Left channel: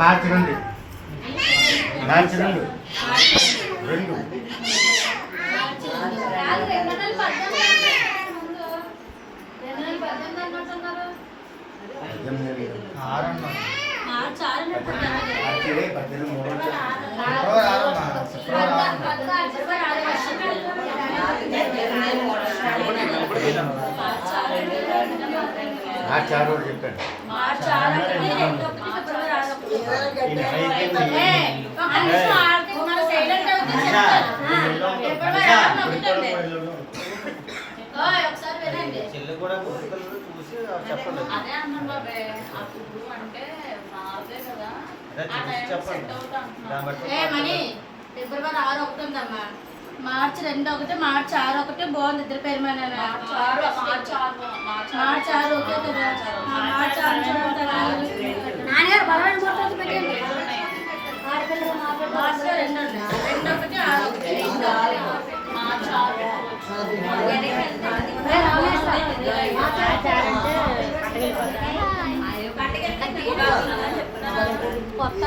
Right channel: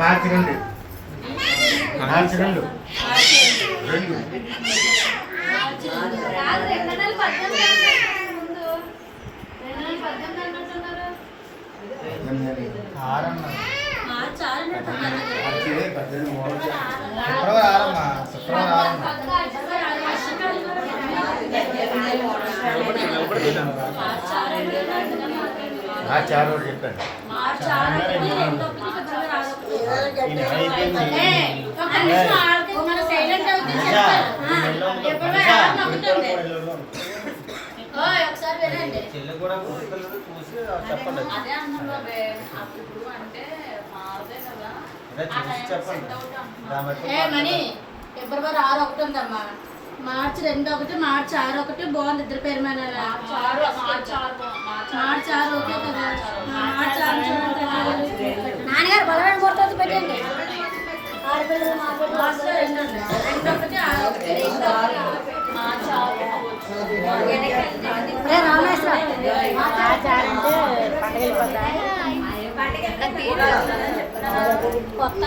మార్చి రెండు మార్చి రెండు రెండు మార్చి ఆరు చెప్పాను. చెల్లి కూడా చూసి చెప్పండి. చెప్పండి. ఫిబ్రవరి 6 ఒకటి ఉందమ్మా, మార్చి 2 ఒకటి, మార్చి 6 ఒకటి బాగుంది. ఇద్దరు పేరు మీద మార్చి 6 ఓకే కదా. మార్చి 6 చూడండి నాన్నగారు బలమైన ఫోటోస్ పెట్టండి. ఆడపిల్లలు మార్చి 2 ఒకటి 6 ఒకటి కొత్త